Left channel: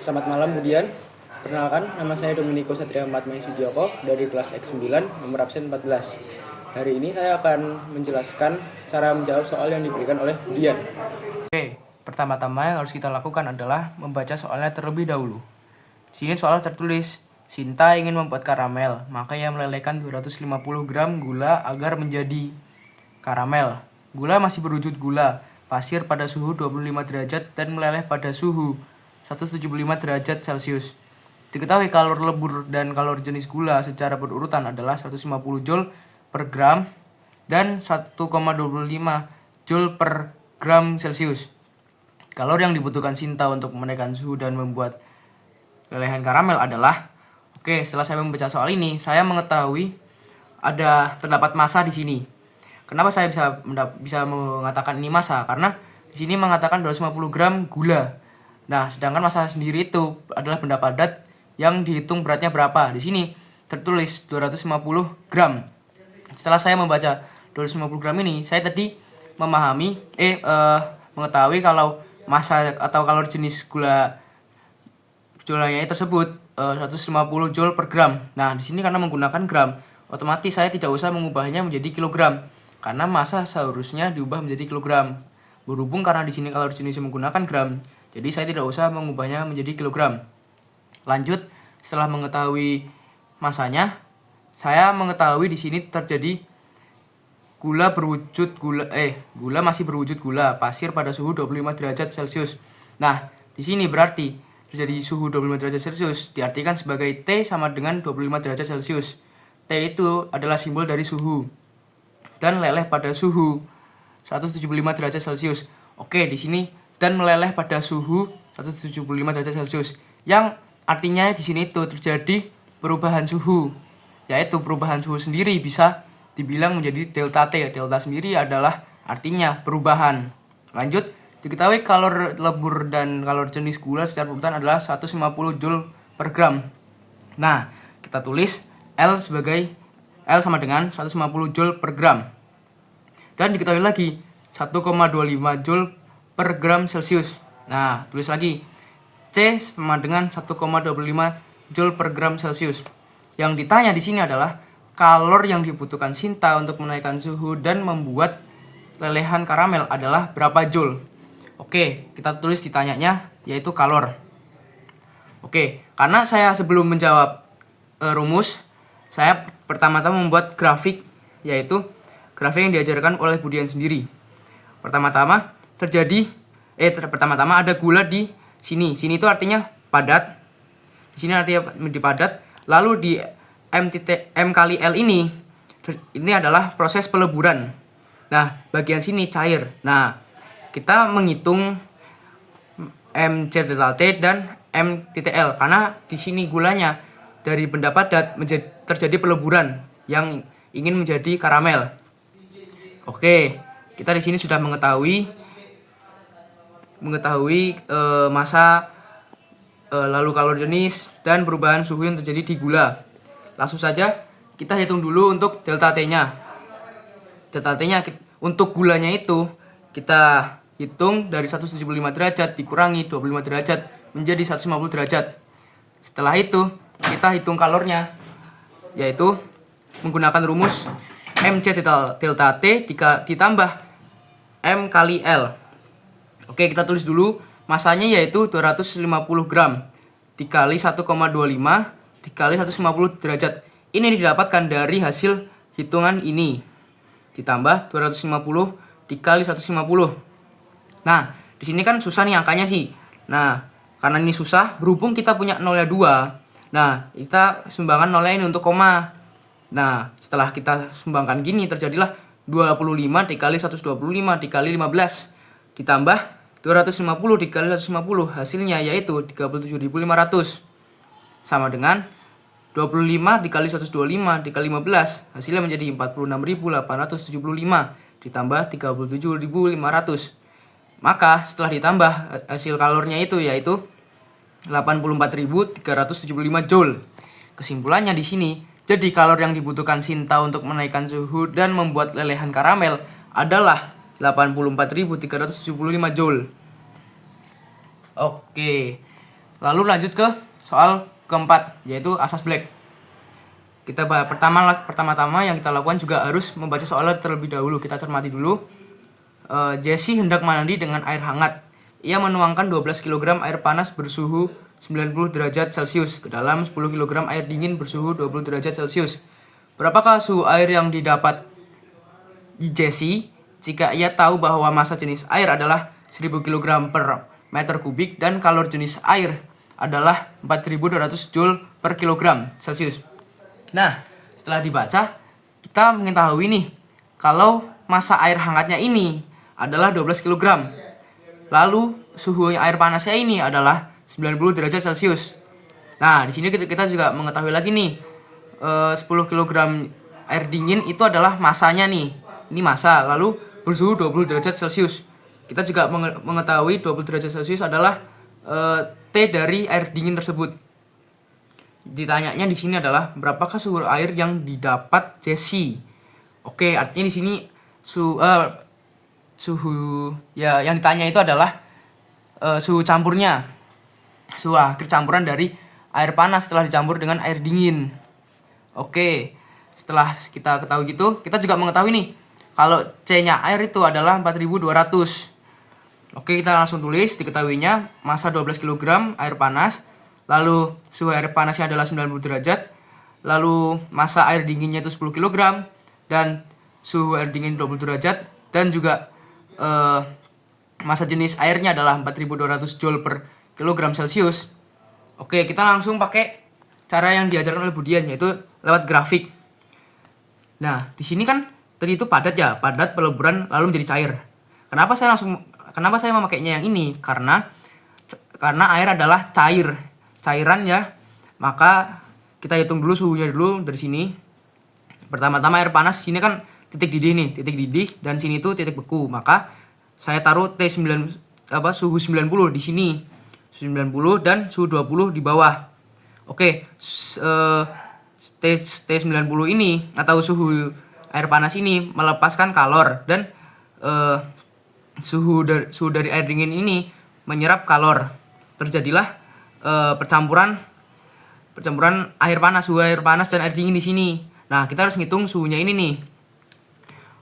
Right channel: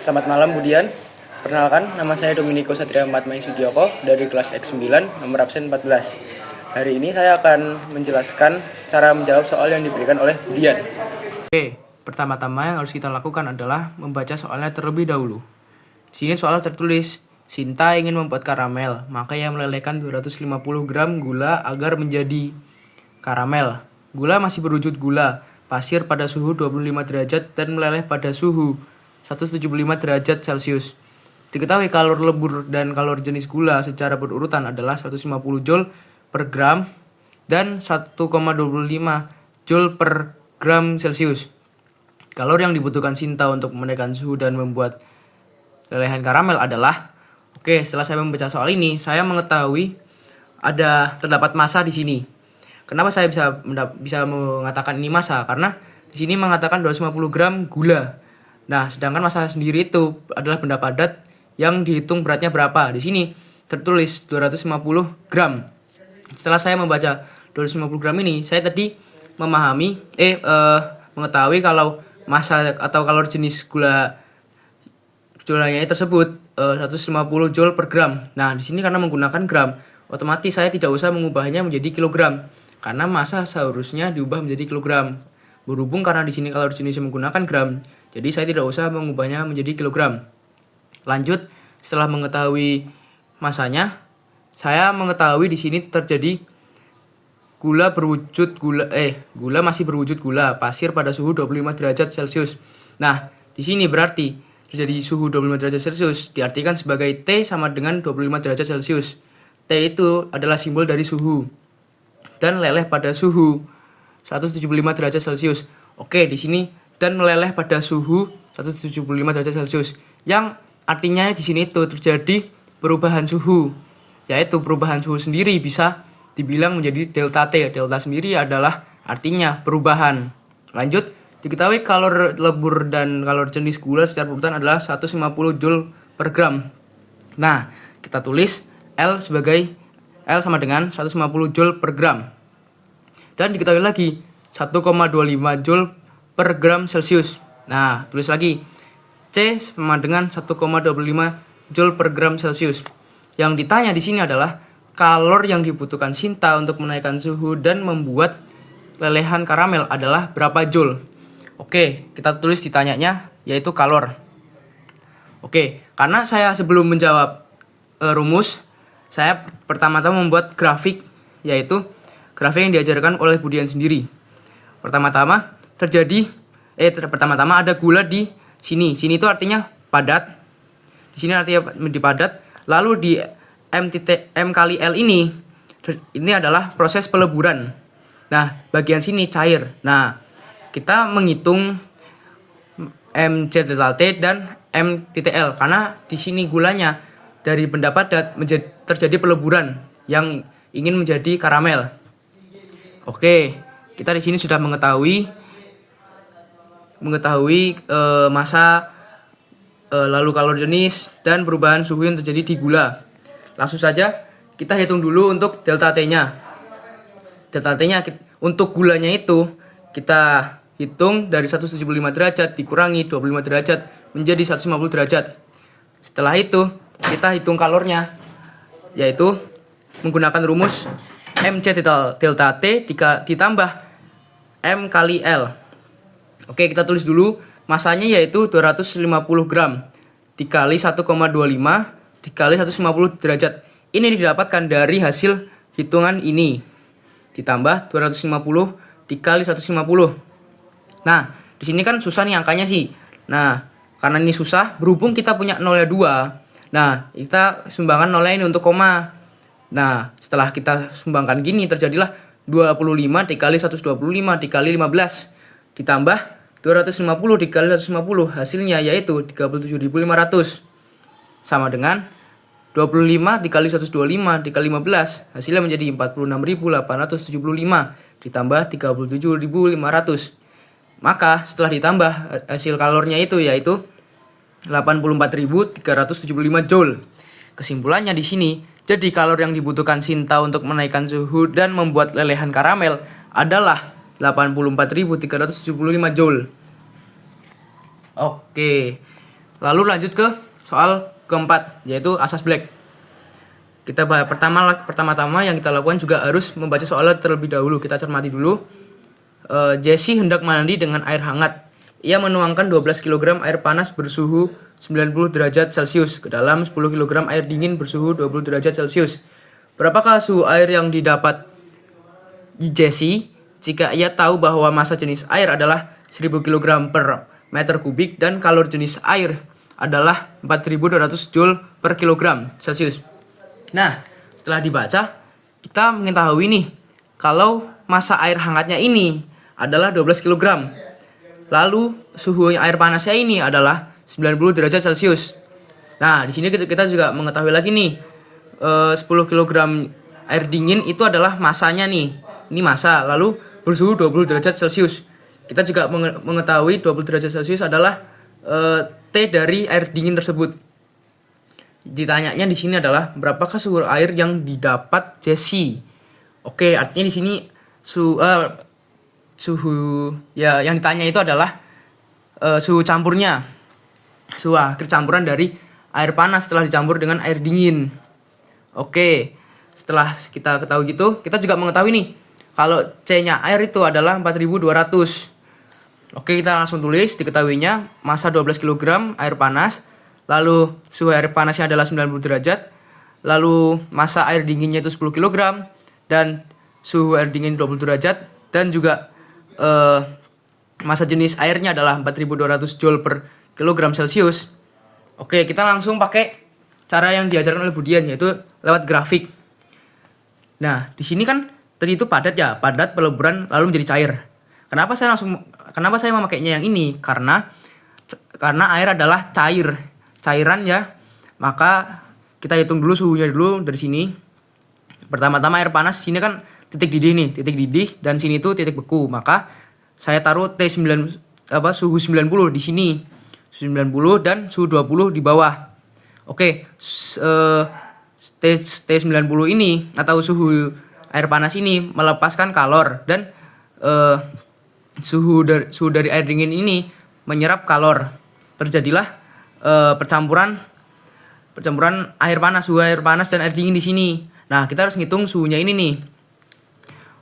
Selamat malam Budian. Perkenalkan, nama saya Dominico Satria Matmais Widyoko dari kelas X9 nomor absen 14. Hari ini saya akan menjelaskan cara menjawab soal yang diberikan oleh Budian. Oke, pertama-tama yang harus kita lakukan adalah membaca soalnya terlebih dahulu. Di sini soal tertulis, Sinta ingin membuat karamel, maka ia melelehkan 250 gram gula agar menjadi karamel. Gula masih berwujud gula, pasir pada suhu 25 derajat dan meleleh pada suhu 175 derajat Celcius. Diketahui kalor lebur dan kalor jenis gula secara berurutan adalah 150 Joule per gram dan 1,25 Joule per gram Celcius. Kalor yang dibutuhkan Sinta untuk menaikkan suhu dan membuat lelehan karamel adalah, setelah saya membaca soal ini, saya mengetahui terdapat massa di sini. Kenapa saya bisa mengatakan ini massa? Karena di sini mengatakan 250 gram gula. Nah, sedangkan massa sendiri itu adalah benda padat yang dihitung beratnya berapa. Di sini tertulis 250 gram. Setelah saya membaca 250 gram ini, saya tadi mengetahui kalau massa atau kalor jenis gulanya tersebut 150 Joule per gram. Nah, di sini karena menggunakan gram, otomatis saya tidak usah mengubahnya menjadi kilogram karena massa seharusnya diubah menjadi kilogram. Berhubung karena di sini kalor jenisnya menggunakan gram, jadi saya tidak usah mengubahnya menjadi kilogram. Lanjut, setelah mengetahui massanya, saya mengetahui di sini terjadi gula masih berwujud gula, pasir pada suhu 25 derajat Celcius. Nah, di sini berarti terjadi suhu 25 derajat Celcius diartikan sebagai T sama dengan 25 derajat Celcius. T itu adalah simbol dari suhu dan leleh pada suhu 175 derajat Celcius. Di sini dan meleleh pada suhu 175 derajat Celcius. Yang artinya di sini itu terjadi perubahan suhu. Yaitu perubahan suhu sendiri bisa dibilang menjadi delta T. Delta sendiri adalah artinya perubahan. Lanjut, diketahui kalor lebur dan kalor jenis gula secara berurutan adalah 150 Joule per gram. Nah, kita tulis L sama dengan 150 Joule per gram. Dan diketahui lagi 1,25 Joule per gram Celcius. Nah, tulis lagi C sama dengan 1,25 Joule per gram Celcius. Yang ditanya di sini adalah kalor yang dibutuhkan Sinta untuk menaikkan suhu dan membuat lelehan karamel adalah berapa Joule. Kita tulis ditanyanya yaitu kalor. Karena saya sebelum menjawab rumus, saya pertama-tama membuat grafik, yaitu grafik yang diajarkan oleh Budian sendiri. Pertama-tama ada gula di sini. Sini itu artinya padat. Di sini artinya padat. Lalu di M kali L ini adalah proses peleburan. Nah, bagian sini cair. Nah, kita menghitung MC_T dan M_L karena di sini gulanya dari benda padat terjadi peleburan yang ingin menjadi karamel. Kita di sini sudah mengetahui massa, lalu kalor jenis dan perubahan suhu yang terjadi di gula. Langsung saja kita hitung dulu untuk delta T-nya. Delta T-nya untuk gulanya itu kita hitung dari 175 derajat dikurangi 25 derajat menjadi 150 derajat. Setelah itu kita hitung kalornya, yaitu menggunakan rumus MC delta T ditambah M kali L. Kita tulis dulu masanya yaitu 250 gram dikali 1,25 dikali 150 derajat. Ini didapatkan dari hasil hitungan ini. Ditambah 250 dikali 150. Nah, di sini kan susah nih angkanya sih. Nah, karena ini susah, berhubung kita punya nolnya 2. Nah, kita sumbangkan nolnya ini untuk koma. Nah, setelah kita sumbangkan gini terjadilah 25 dikali 125 dikali 15 ditambah 250 dikali 150, hasilnya yaitu 37.500 sama dengan 25 dikali 125 dikali 15, hasilnya menjadi 46.875 ditambah 37.500. Maka setelah ditambah hasil kalornya itu yaitu 84.375 Joule. Kesimpulannya di sini, jadi kalor yang dibutuhkan Sinta untuk menaikkan suhu dan membuat lelehan karamel adalah 84.375 Joule. Lalu lanjut ke soal keempat, yaitu asas Black. Kita pertama-tama yang kita lakukan juga harus membaca soalnya terlebih dahulu. Kita cermati dulu. Jesse hendak mandi dengan air hangat. Ia menuangkan 12 kg air panas bersuhu 90 derajat Celcius ke dalam 10 kg air dingin bersuhu 20 derajat Celcius. Berapakah suhu air yang didapat Jesse jika ia tahu bahwa massa jenis air adalah 1000 kg per meter kubik dan kalor jenis air adalah 4200 Joule per kilogram Celcius. Nah, setelah dibaca, kita mengetahui nih, kalau massa air hangatnya ini adalah 12 kg. Lalu, suhu air panasnya ini adalah 90 derajat Celcius. Nah, di sini kita juga mengetahui lagi nih, 10 kg air dingin itu adalah massanya nih. Ini massa, lalu bersuhu 20 derajat Celcius. Kita juga mengetahui 20 derajat Celcius adalah T dari air dingin tersebut. Ditanyanya di sini adalah berapakah suhu air yang didapat Jesse. Oke, artinya di sini suhu ya yang ditanya itu adalah suhu campurnya. Suhu akhir campuran dari air panas setelah dicampur dengan air dingin. Oke, setelah kita ketahui gitu, kita juga mengetahui nih kalau C-nya air itu adalah 4200. Oke, kita langsung tulis diketahuinya massa 12 kg air panas. Lalu suhu air panasnya adalah 90 derajat. Lalu massa air dinginnya itu 10 kg. Dan suhu air dingin 20 derajat. Dan juga massa jenis airnya adalah 4200 Joule per kilogram Celcius. Oke, kita langsung pakai cara yang diajarkan oleh Budian, yaitu lewat grafik. Nah, di sini kan tadi itu padat ya, padat peleburan lalu menjadi cair. Kenapa saya memakainya yang ini? Karena air adalah cairan ya, maka kita hitung dulu suhunya dulu dari sini. Pertama-tama air panas, sini kan titik didih dan sini tuh titik beku, maka saya taruh suhu 90 di sini, suhu 90 dan suhu 20 di bawah. Oke, T90 ini atau suhu air panas ini melepaskan kalor dan suhu dari air dingin ini menyerap kalor. Terjadilah percampuran air panas, suhu air panas dan air dingin di sini. Nah, kita harus ngitung suhunya ini nih.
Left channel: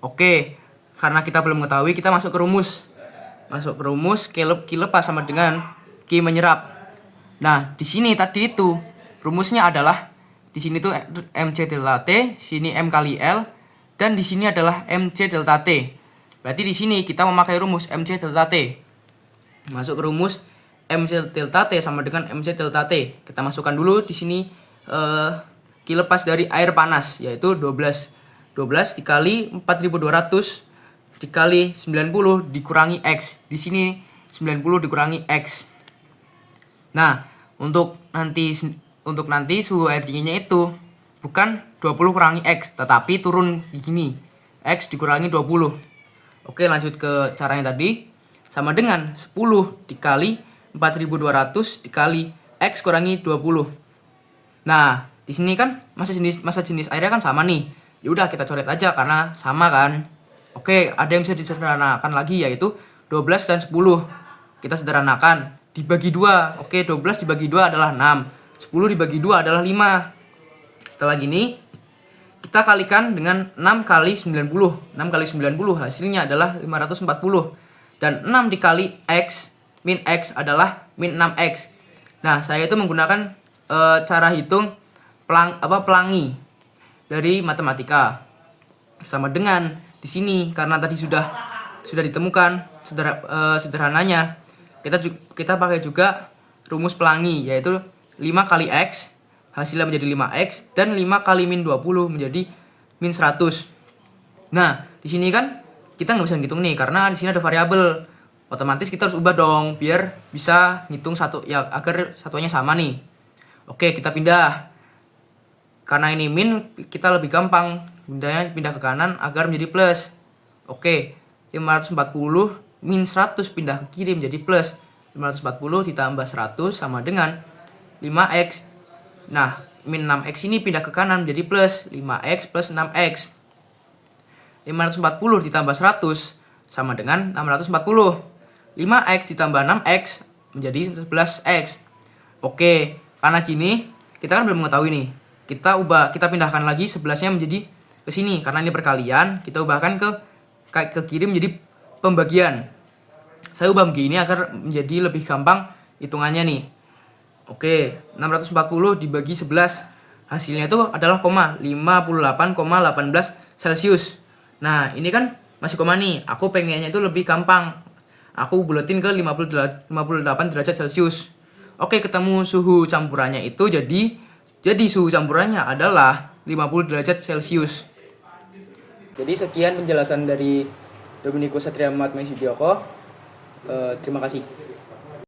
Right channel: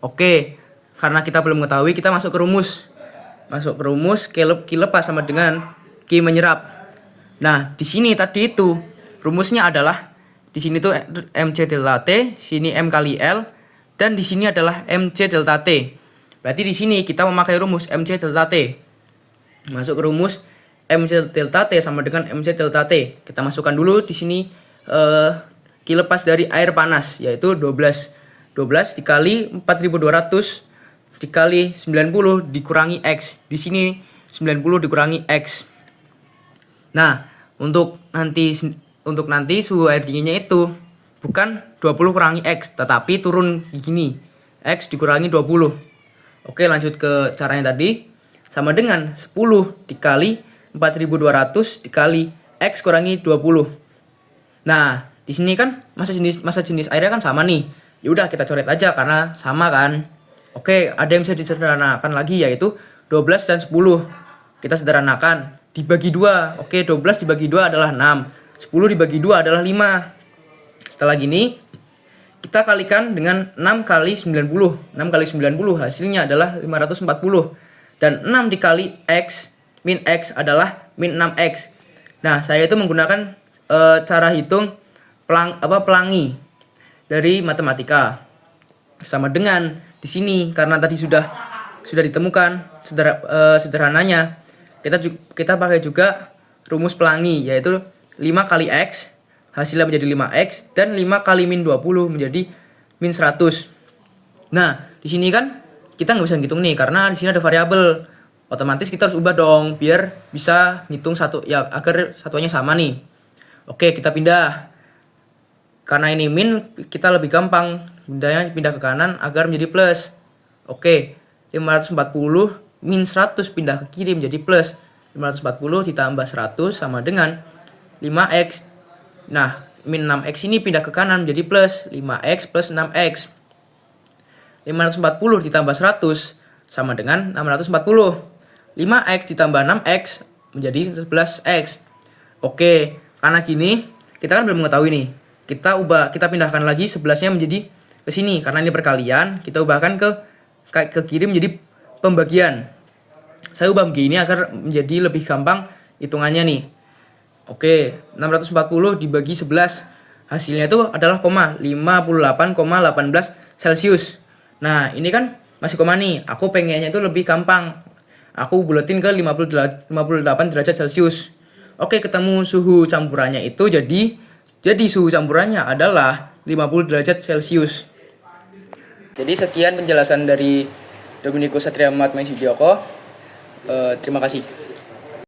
Oke, karena kita belum mengetahui, kita masuk ke rumus. Q lepas sama dengan Q menyerap. Nah, di sini tadi itu rumusnya adalah di sini tuh MC delta T, sini M kali L, dan di sini adalah MC delta T. Berarti di sini kita memakai rumus MC delta T. Masuk ke rumus MC delta T sama dengan MC delta T. Kita masukkan dulu di sini Q lepas dari air panas, yaitu 12 dikali 4200 dikali 90 dikurangi X. Di sini 90 dikurangi X. Nah, untuk nanti suhu air dinginnya itu bukan 20 kurangi X, tetapi turun di sini. X dikurangi 20. Oke, lanjut ke caranya tadi. Sama dengan 10 dikali 4200 dikali X kurangi 20. Nah, di sini kan massa jenis airnya kan sama nih. Ya udah, kita coret aja karena sama kan. Oke, ada yang bisa disederhanakan lagi, yaitu 12 dan 10. Kita sederhanakan, dibagi 2. Oke, 12 dibagi 2 adalah 6. 10 dibagi 2 adalah 5. Setelah gini, kita kalikan dengan 6 kali 90. 6 kali 90 hasilnya adalah 540. Dan 6 dikali X min X adalah min 6X. Nah, saya itu menggunakan cara hitung pelangi dari matematika. Sama dengan di sini, karena tadi sudah ditemukan sederhananya, kita pakai juga rumus pelangi, yaitu 5 kali X hasilnya menjadi 5X dan 5 kali min 20 menjadi min 100. Nah, di sini kan kita nggak bisa ngitung nih karena di sini ada variabel. Otomatis kita harus ubah dong biar bisa ngitung satu ya, agar satuannya sama nih. Oke, kita pindah. Karena ini min, kita lebih gampang pindah ke kanan agar menjadi plus. Oke, 540 min 100 pindah ke kiri menjadi plus. 540 ditambah 100 sama dengan 5X. Nah, min 6X ini pindah ke kanan menjadi plus 5X plus 6X. 540 ditambah 100 sama dengan 640. 5X ditambah 6X menjadi 11X. Oke, karena gini, kita kan belum mengetahui nih. Kita pindahkan lagi 11-nya menjadi ke sini. Karena ini perkalian, kita ubahkan ke kiri menjadi pembagian. Saya ubah begini agar menjadi lebih gampang hitungannya nih. Oke, 640 dibagi 11. Hasilnya itu adalah 58,18 Celcius. Nah, ini kan masih koma nih. Aku pengennya itu lebih gampang. Aku buletin ke 58 derajat Celcius. Oke, ketemu suhu campurannya itu jadi suhu campurannya adalah 50 derajat Celcius. Jadi sekian penjelasan dari Dominikus Satria Matmaes Widyoko. Terima kasih.